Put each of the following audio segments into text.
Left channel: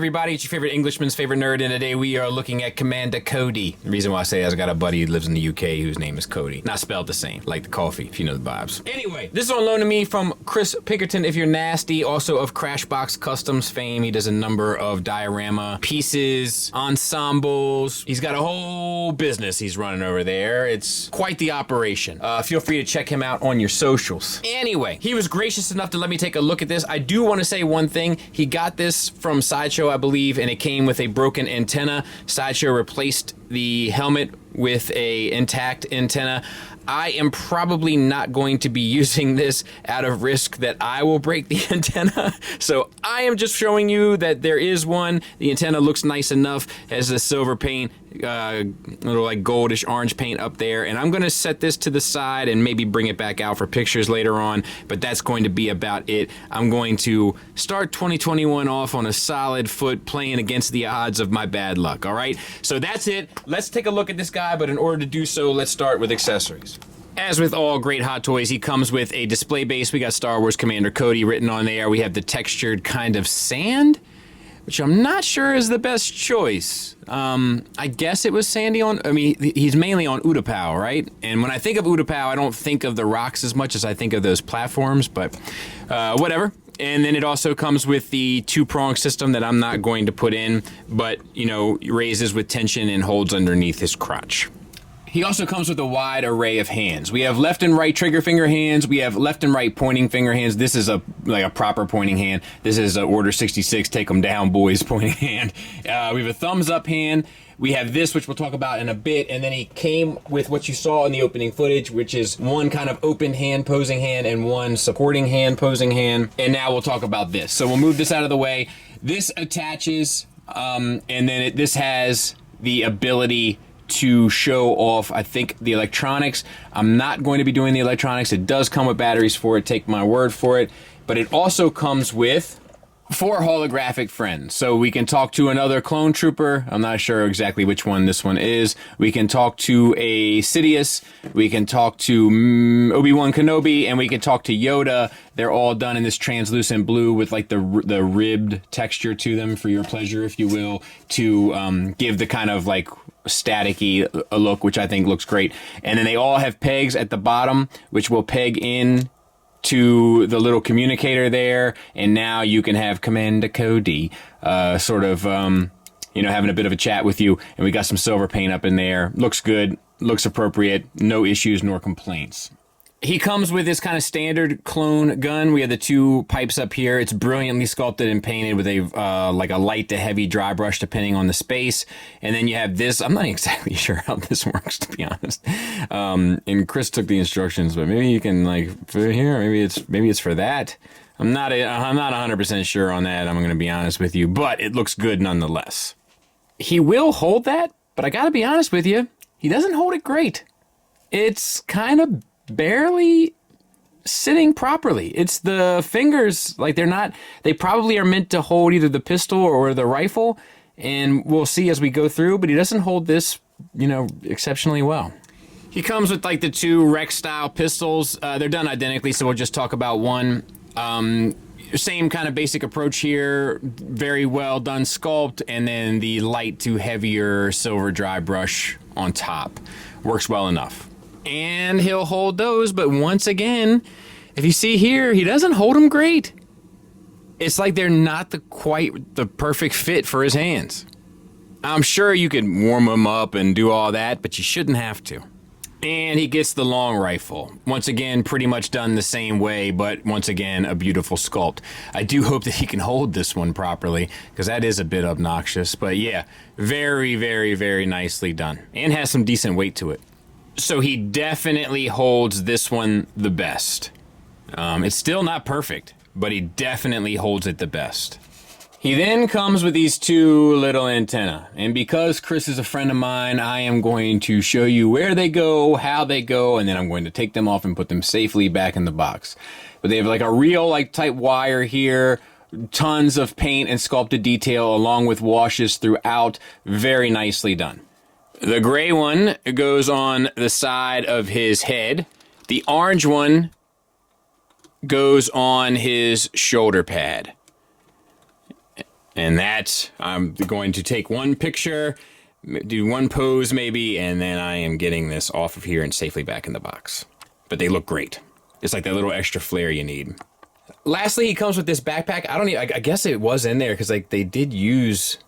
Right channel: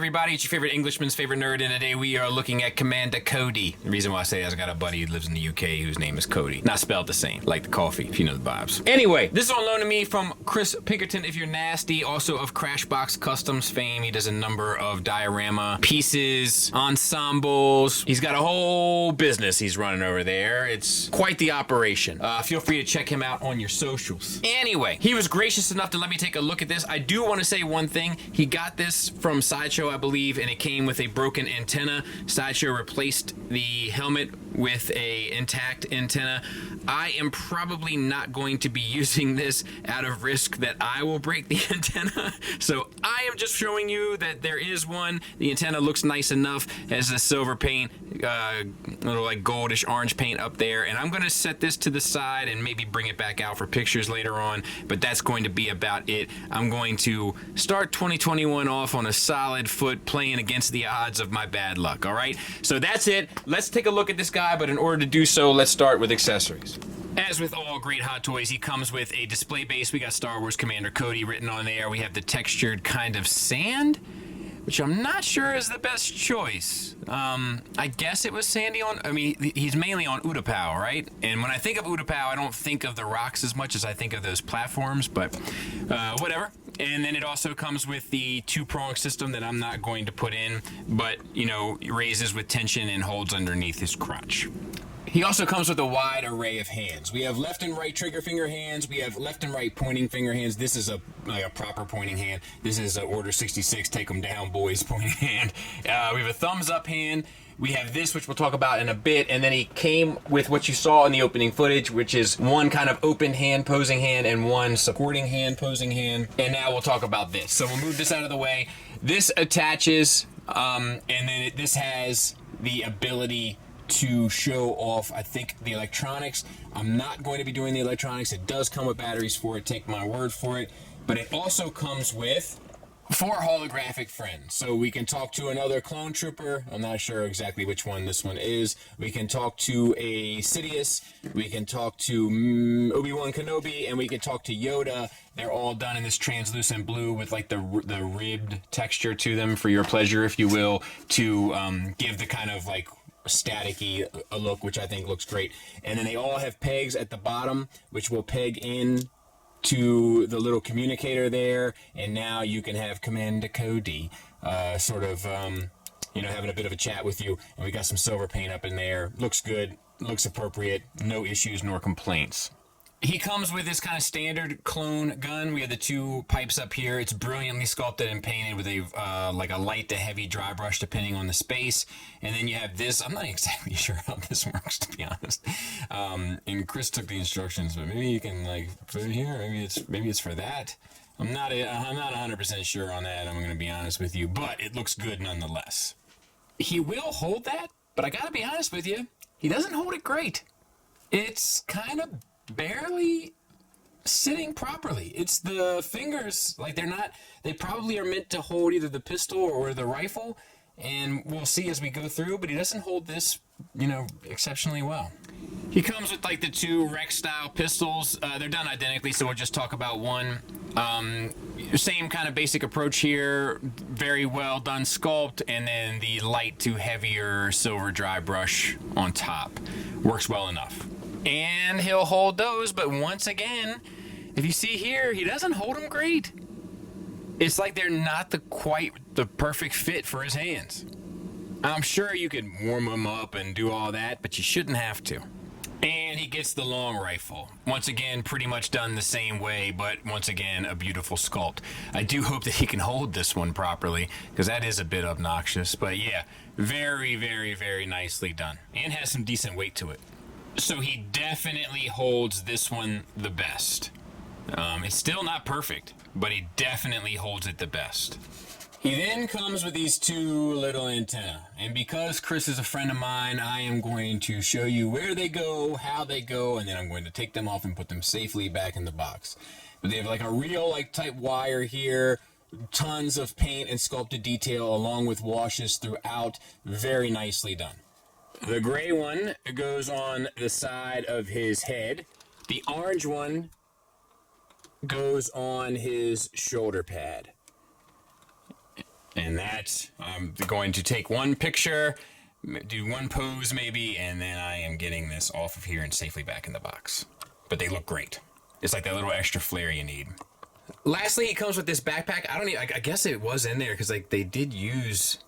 everybody? It's your favorite Englishman's favorite nerd, and today we are looking at Commander Cody. The reason why I say that is I got a buddy who lives in the UK whose name is Cody. Not spelled the same, like the coffee, if you know the vibes. Anyway, this is on loan to me from Chris Pinkerton, if you're nasty, also of Crashbox Customs fame. He does a number of diorama pieces, ensembles. He's got a whole business he's running over there. It's quite the operation. Feel free to check him out on your socials. Anyway, he was gracious enough to let me take a look at this. I do want to say one thing. He got this from Sideshow, I believe, and it came with a broken antenna. Sideshow replaced the helmet with a intact antenna. I am probably not going to be using this out of risk that I will break the antenna. So I am just showing you that there is one. The antenna looks nice enough, has the silver paint, little like goldish orange paint up there. And I'm going to set this to the side and maybe bring it back out for pictures later on. But that's going to be about it. I'm going to start 2021 off on a solid foot, playing against the odds of my bad luck. All right. So that's it. Let's take a look at this guy. But in order to do so, let's start with accessories. As with all great Hot Toys, he comes with a display base. We got Star Wars Commander Cody written on there. We have the textured kind of sand, which I'm not sure is the best choice. I guess it was sandy on, I mean, he's mainly on Utapau, right? And when I think of Utapau, I don't think of the rocks as much as I think of those platforms, but whatever. And then it also comes with the two-prong system that I'm not going to put in, but, you know, raises with tension and holds underneath his crotch. He also comes with a wide array of hands. We have left and right trigger finger hands. We have left and right pointing finger hands. This is like a proper pointing hand. This is a Order 66, take them down, boys, pointing hand. We have a thumbs up hand. We have this, which we'll talk about in a bit. And then he came with what you saw in the opening footage, which is one kind of open hand posing hand and one supporting hand posing hand. And now we'll talk about this. So we'll move this out of the way. This attaches, and then this has the ability to show off, I think, the electronics. I'm not going to be doing the electronics. It does come with batteries for it, take my word for it. But it also comes with 4 holographic friends. So we can talk to another clone trooper. I'm not sure exactly which one this one is. We can talk to a Sidious. We can talk to Obi-Wan Kenobi, and we can talk to Yoda. They're all done in this translucent blue with like the ribbed texture to them for your pleasure, if you will, to give the kind of like staticky a look, which I think looks great. And then they all have pegs at the bottom, which will peg in to the little communicator there. And now you can have Commander Cody sort of, you know, having a bit of a chat with you. And we got some silver paint up in there. Looks good, looks appropriate, no issues nor complaints. He comes with this kind of standard clone gun. We have the 2 pipes up here. It's brilliantly sculpted and painted with a like a light to heavy dry brush depending on the space. And then you have this. I'm not exactly sure how this works, to be honest. And Chris took the instructions, but maybe you can like put it here. Maybe it's for that. I'm not 100% sure on that. I'm going to be honest with you, but it looks good nonetheless. He will hold that, but I got to be honest with you, he doesn't hold it great. It's kind of barely sitting properly. It's the fingers, like they probably are meant to hold either the pistol or the rifle, and we'll see as we go through, but he doesn't hold this, you know, exceptionally well. He comes with like the 2 Rex style pistols. They're done identically, so we'll just talk about one. Same kind of basic approach here, very well done sculpt, and then the light to heavier silver dry brush on top. Works well enough. And he'll hold those, but once again, if you see here, he doesn't hold them great. It's like they're not quite the perfect fit for his hands. I'm sure you could warm them up and do all that, but you shouldn't have to. And he gets the long rifle. Once again, pretty much done the same way, but once again, a beautiful sculpt. I do hope that he can hold this one properly, because that is a bit obnoxious. But yeah, very, very, very nicely done. And has some decent weight to it. So he definitely holds this one the best. It's still not perfect, but he definitely holds it the best. He then comes with these 2 little antennae. And because Chris is a friend of mine, I am going to show you where they go, how they go, and then I'm going to take them off and put them safely back in the box. But they have like a real like type wire here, tons of paint and sculpted detail along with washes throughout. Very nicely done. The gray one goes on the side of his head. The orange one goes on his shoulder pad. And that, I'm going to take one picture, do one pose maybe, and then I am getting this off of here and safely back in the box. But they look great. It's like that little extra flair you need. Lastly, he comes with this backpack. I guess it was in there because like they did use,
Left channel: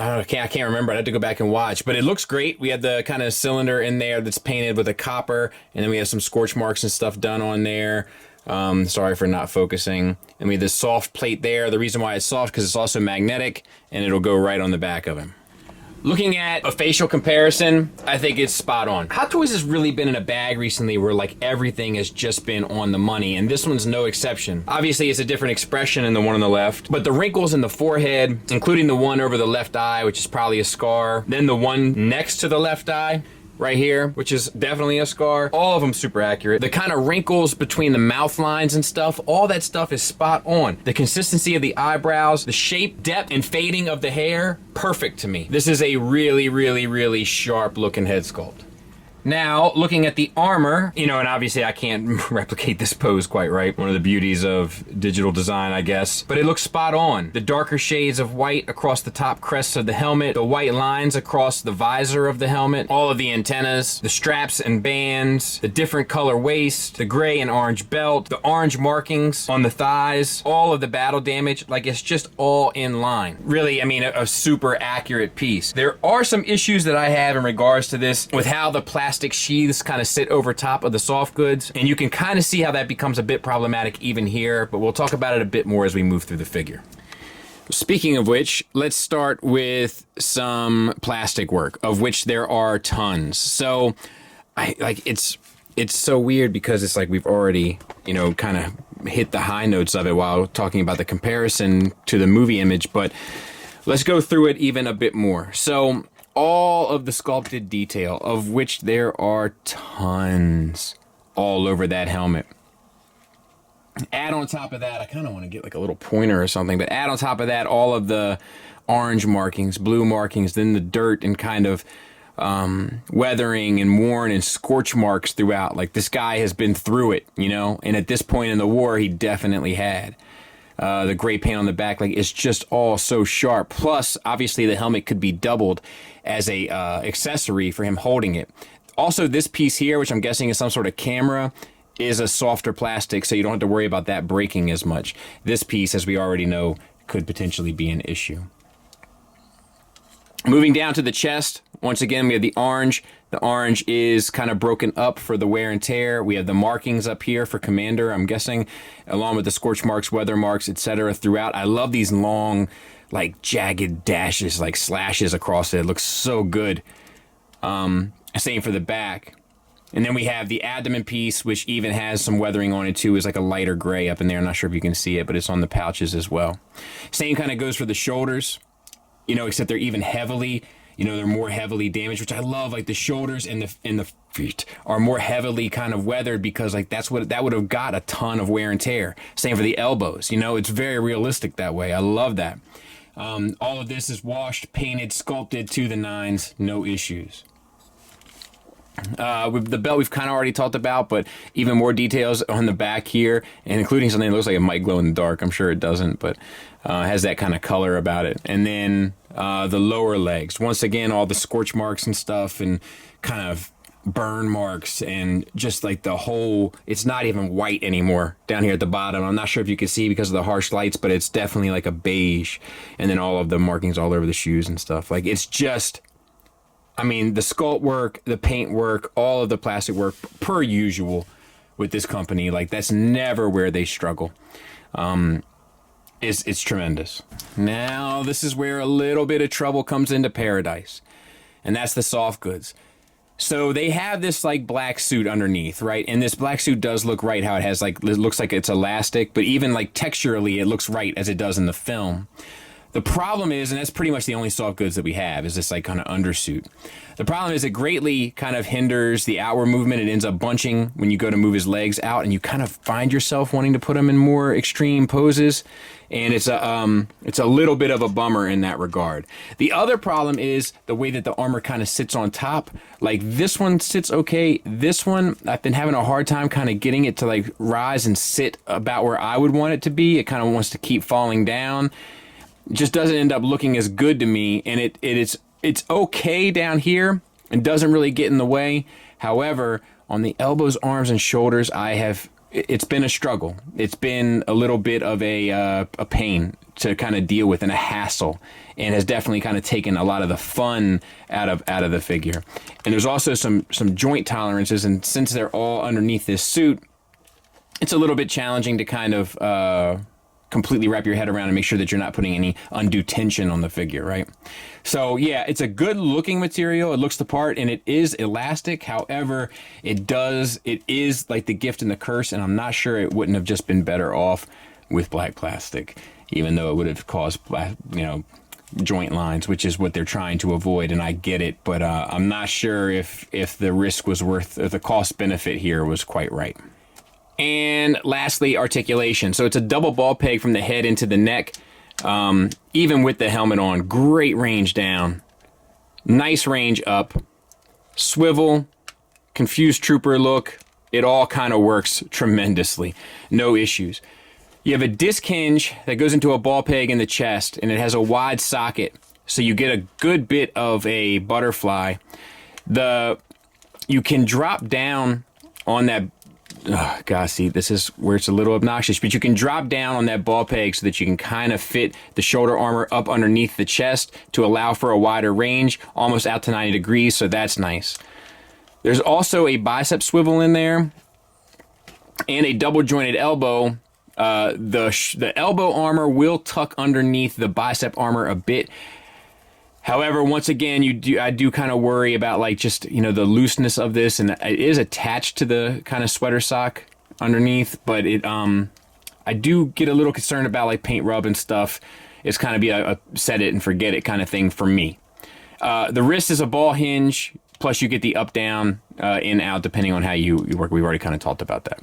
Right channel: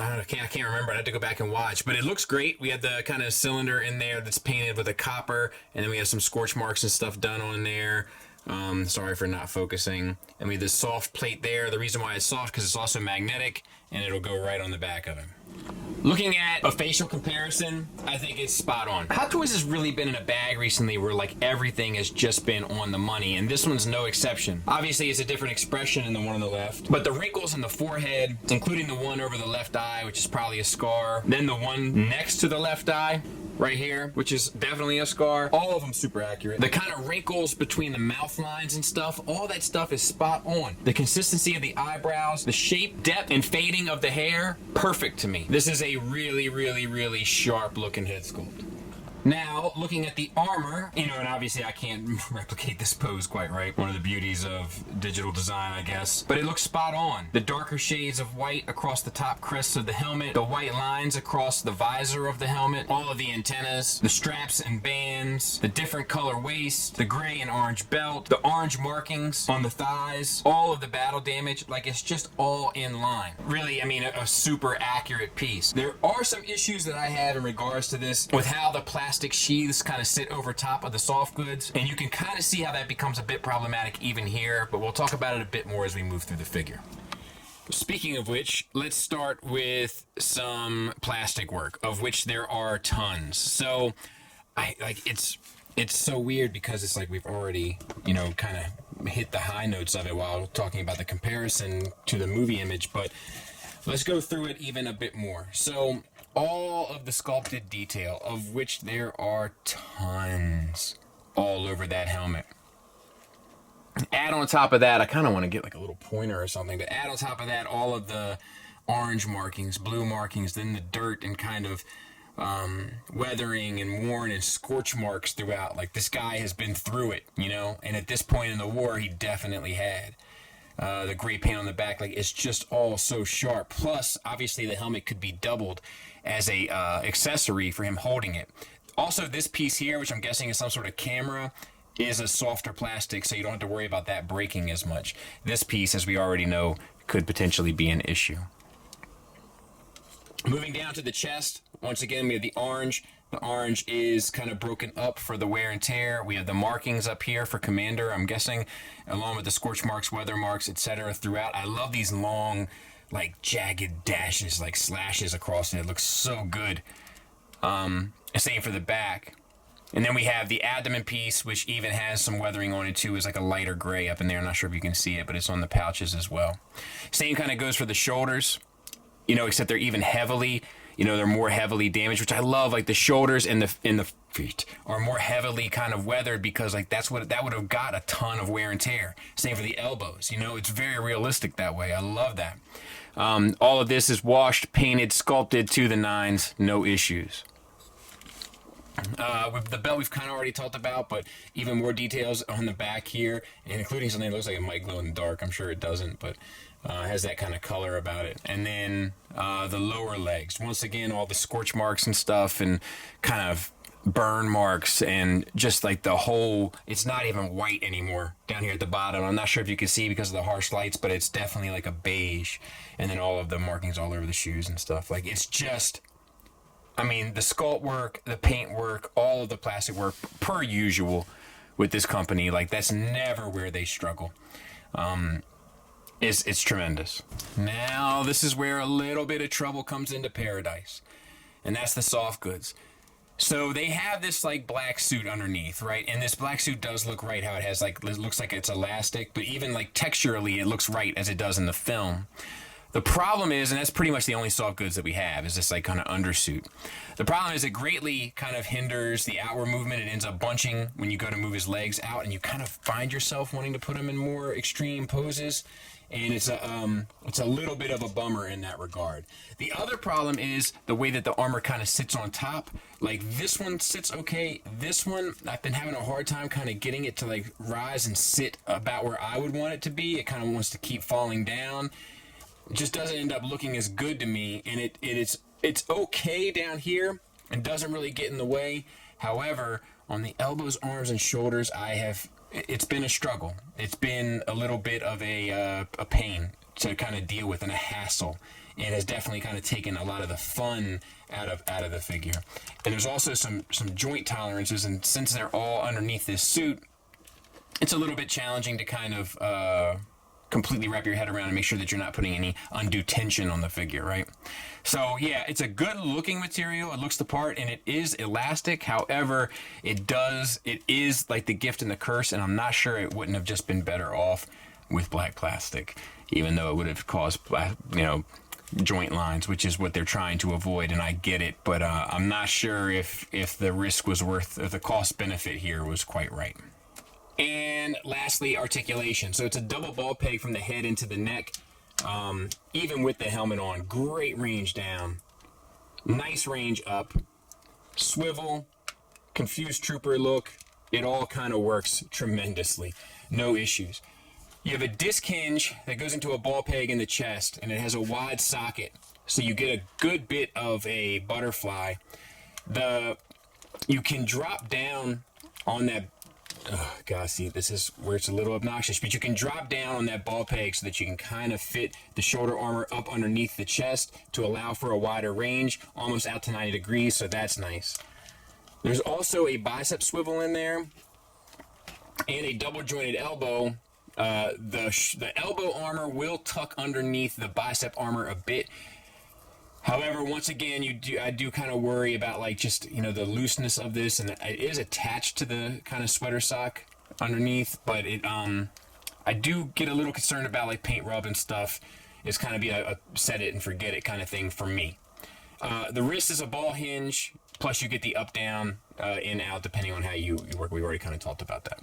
I can't remember. I have to go back and watch, but it looks great. We have the kind of cylinder in there that's painted with a copper, and then we have some scorch marks and stuff done on there. Sorry for not focusing. And we have this soft plate there. The reason why it's soft because it's also magnetic, and it'll go right on the back of him. Looking at a facial comparison, I think it's spot on. Hot Toys has really been in a bag recently where like everything has just been on the money, and this one's no exception. Obviously, it's a different expression than the one on the left, but the wrinkles in the forehead, including the one over the left eye, which is probably a scar, then the one next to the left eye, right here, which is definitely a scar. All of them super accurate. The kind of wrinkles between the mouth lines and stuff, all that stuff is spot on. The consistency of the eyebrows, the shape, depth, and fading of the hair, perfect to me. This is a really, really, really sharp looking head sculpt. Now, looking at the armor, you know, and obviously I can't replicate this pose quite right. One of the beauties of digital design, I guess. But it looks spot on. The darker shades of white across the top crests of the helmet, the white lines across the visor of the helmet, all of the antennas, the straps and bands, the different color waist, the gray and orange belt, the orange markings on the thighs, all of the battle damage, like it's just all in line. Really, I mean, a super accurate piece. There are some issues that I have in regards to this with how the plastic sheaths kind of sit over top of the soft goods, and you can kind of see how that becomes a bit problematic even here, but we'll talk about it a bit more as we move through the figure. Speaking of which, let's start with some plastic work, of which there are tons. So it's so weird because it's like we've already, you know, kind of hit the high notes of it while talking about the comparison to the movie image, but let's go through it even a bit more. So all of the sculpted detail, of which there are tons all over that helmet. Add on top of that, I kind of want to get like a little pointer or something, but add on top of that all of the orange markings, blue markings, then the dirt and kind of weathering and worn and scorch marks throughout. Like this guy has been through it, you know, and at this point in the war, he definitely had. The gray paint on the back, like it's just all so sharp. Plus, obviously, the helmet could be doubled as a accessory for him holding it. Also, this piece here, which I'm guessing is some sort of camera, is a softer plastic, so you don't have to worry about that breaking as much. This piece, as we already know, could potentially be an issue. Moving down to the chest, once again, we have the orange. The orange is kind of broken up for the wear and tear. We have the markings up here for Commander, I'm guessing, along with the scorch marks, weather marks, etc. throughout. I love these long, like, jagged dashes, like slashes across it. It looks so good. Same for the back. And then we have the abdomen piece, which even has some weathering on it too. It's like a lighter gray up in there. I'm not sure if you can see it, but it's on the pouches as well. Same kind of goes for the shoulders, you know, except they're even heavily, you know, they're more heavily damaged, which I love. Like the shoulders and the feet are more heavily kind of weathered because like that would have got a ton of wear and tear. Same for the elbows, you know, it's very realistic that way. I love that. All of this is washed, painted, sculpted to the nines, no issues. With the belt we've kind of already talked about, but even more details on the back here, and including something that looks like it might glow in the dark. I'm sure it doesn't, but has that kind of color about it. And then the lower legs, once again, all the scorch marks and stuff and kind of burn marks and just like the whole, it's not even white anymore down here at the bottom. I'm not sure if you can see because of the harsh lights, but it's definitely like a beige. And then all of the markings all over the shoes and stuff. Like it's just, I mean, the sculpt work, the paint work, all of the plastic work, per usual with this company, like that's never where they struggle. It's tremendous. Now, this is where a little bit of trouble comes into paradise, and that's the soft goods. So they have this like black suit underneath, right? And this black suit does look right how it has like, it looks like it's elastic, but even like texturally, it looks right as it does in the film. The problem is, and that's pretty much the only soft goods that we have, is this like kind of undersuit. The problem is it greatly kind of hinders the outward movement. It ends up bunching when you go to move his legs out, and you kind of find yourself wanting to put him in more extreme poses. And it's a little bit of a bummer in that regard. The other problem is the way that the armor kind of sits on top. Like this one sits okay. This one, I've been having a hard time kind of getting it to like rise and sit about where I would want it to be. It kind of wants to keep falling down. It just doesn't end up looking as good to me, and it's okay down here and doesn't really get in the way. However, on the elbows, arms, and shoulders, it's been a struggle. It's been a little bit of a pain to kind of deal with and a hassle, and has definitely kind of taken a lot of the fun out of the figure. And there's also some joint tolerances, and since they're all underneath this suit, it's a little bit challenging to kind of completely wrap your head around and make sure that you're not putting any undue tension on the figure, right? So yeah, it's a good looking material. It looks the part, and it is elastic. However, it is like the gift and the curse, and I'm not sure it wouldn't have just been better off with black plastic, even though it would have caused, joint lines, which is what they're trying to avoid, and I get it, but I'm not sure if the risk was worth, if the cost benefit here was quite right. And lastly, articulation. So it's a double ball peg from the head into the neck. Even with the helmet on, great range down, nice range up, swivel, confused trooper look. It all kind of works tremendously. No issues. You have a disc hinge that goes into a ball peg in the chest, and it has a wide socket, so you get a good bit of a butterfly. You can drop down on that. Gosh, see, this is where it's a little obnoxious, but you can drop down on that ball peg so that you can kind of fit the shoulder armor up underneath the chest to allow for a wider range, almost out to 90 degrees, so that's nice. There's also a bicep swivel in there and a double jointed elbow. The elbow armor will tuck underneath the bicep armor a bit. However, once again, I do kind of worry about the looseness of this, and it is attached to the kind of sweater sock underneath, but I do get a little concerned about paint rub and stuff. It's kind of be a set it and forget it kind of thing for me. The wrist is a ball hinge, plus you get the up, down, in, out, depending on how you work. We've already kind of talked about that.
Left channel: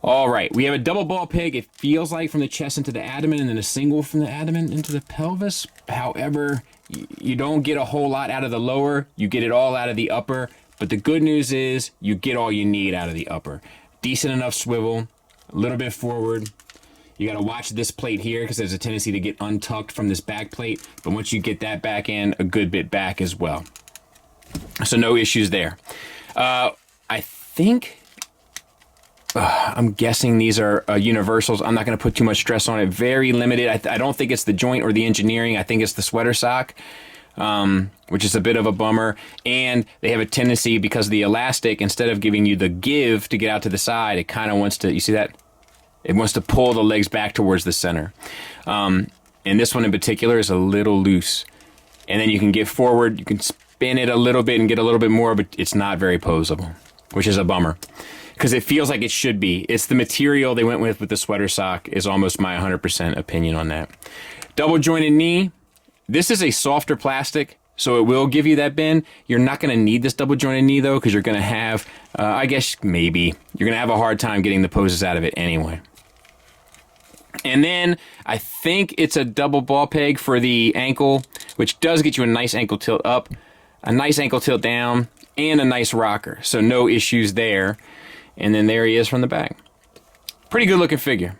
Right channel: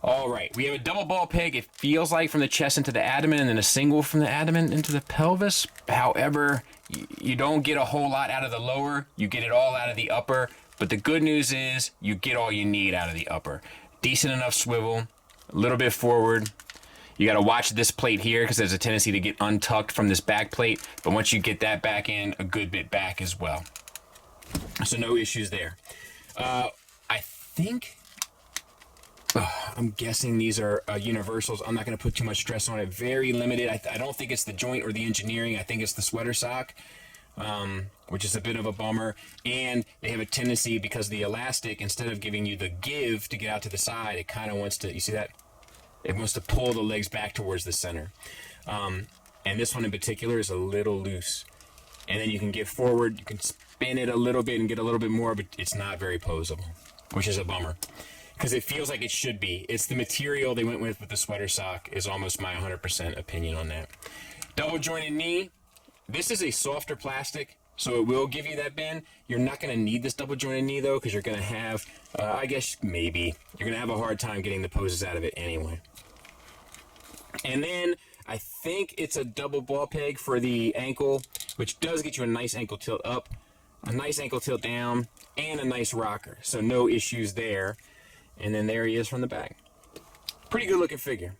All right, we have a double ball peg, it feels like, from the chest into the abdomen, and then a single from the abdomen into the pelvis. However, you don't get a whole lot out of the lower, you get it all out of the upper, but the good news is you get all you need out of the upper. Decent enough swivel, a little bit forward. You got to watch this plate here because there's a tendency to get untucked from this back plate, but once you get that back in, a good bit back as well. So no issues there. I think... I'm guessing these are universals. I'm not going to put too much stress on it. Very limited. I don't think it's the joint or the engineering. I think it's the sweater sock, which is a bit of a bummer. And they have a tendency, because of the elastic, instead of giving you the give to get out to the side, it kind of wants to, you see that? It wants to pull the legs back towards the center. And this one in particular is a little loose. And then you can get forward, you can spin it a little bit and get a little bit more, but it's not very posable, which is a bummer. Because it feels like it should be. It's the material they went with the sweater sock is almost my 100% opinion on that. Double jointed knee. This is a softer plastic, so it will give you that bend. You're not going to need this double jointed knee, though, because you're going to have, I guess maybe, you're going to have a hard time getting the poses out of it anyway. And then I think it's a double ball peg for the ankle, which does get you a nice ankle tilt up, a nice ankle tilt down, and a nice rocker. So no issues there. And then there he is from the back. Pretty good looking figure.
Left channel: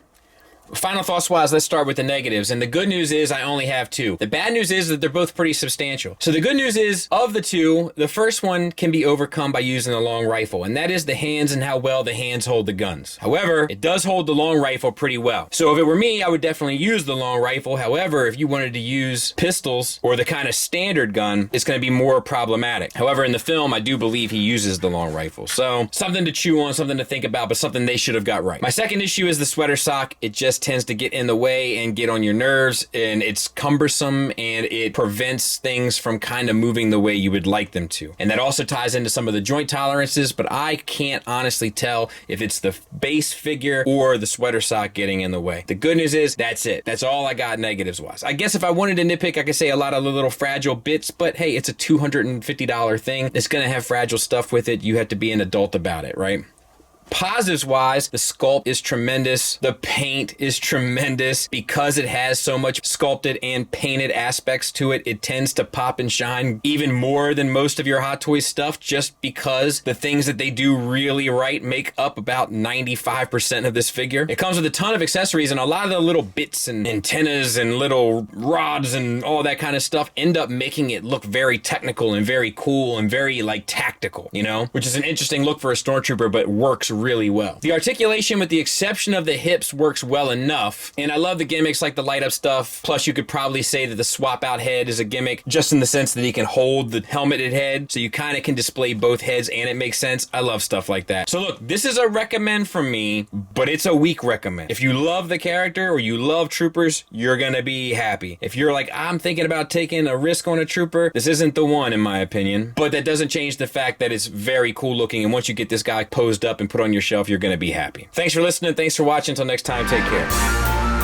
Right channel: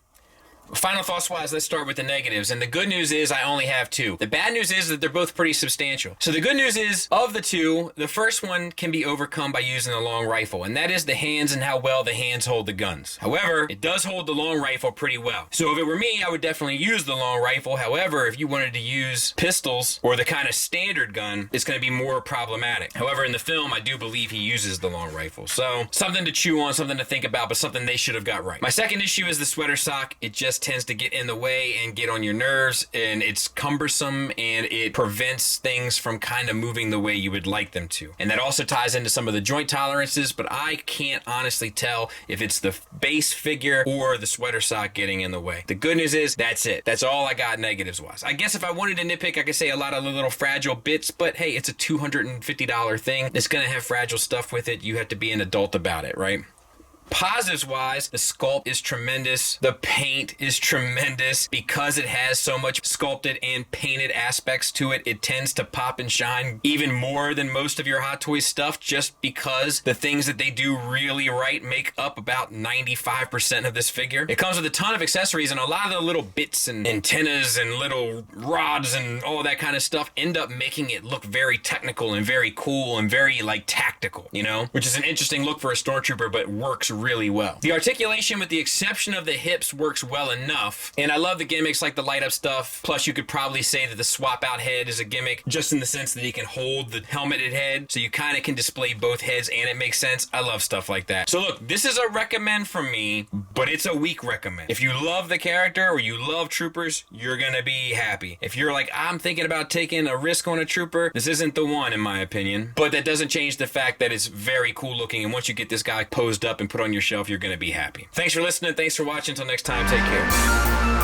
Final thoughts wise, let's start with the negatives. And the good news is I only have two. The bad news is that they're both pretty substantial. So the good news is, of the two, the first one can be overcome by using a long rifle, and that is the hands and how well the hands hold the guns. However, it does hold the long rifle pretty well. So if it were me, I would definitely use the long rifle. However, if you wanted to use pistols or the kind of standard gun, it's going to be more problematic. However, in the film, I do believe he uses the long rifle. So something to chew on, something to think about, but something they should have got right. My second issue is the sweater sock. It just tends to get in the way and get on your nerves, and it's cumbersome, and it prevents things from kind of moving the way you would like them to. And that also ties into some of the joint tolerances, but I can't honestly tell if it's the base figure or the sweater sock getting in the way. The good news is that's it. That's all I got negatives wise. I guess if I wanted to nitpick, I could say a lot of the little fragile bits, but hey, it's a $250 thing. It's gonna have fragile stuff with it. You have to be an adult about it, right? Positives wise, the sculpt is tremendous. The paint is tremendous. Because it has so much sculpted and painted aspects to it, it tends to pop and shine even more than most of your Hot Toys stuff, just because the things that they do really right make up about 95% of this figure. It comes with a ton of accessories, and a lot of the little bits and antennas and little rods and all that kind of stuff end up making it look very technical and very cool and very like tactical, you know, which is an interesting look for a Stormtrooper, but works really well. The articulation, with the exception of the hips, works well enough, and I love the gimmicks like the light up stuff. Plus, you could probably say that the swap out head is a gimmick, just in the sense that he can hold the helmeted head, so you kind of can display both heads and it makes sense. I love stuff like that. So look, this is a recommend from me, but it's a weak recommend. If you love the character or you love troopers, you're gonna be happy. If you're like, I'm thinking about taking a risk on a trooper, this isn't the one in my opinion, but that doesn't change the fact that it's very cool looking, and once you get this guy posed up and put on your shelf, you're gonna be happy. Thanks for listening. Thanks for watching. Until next time, take care.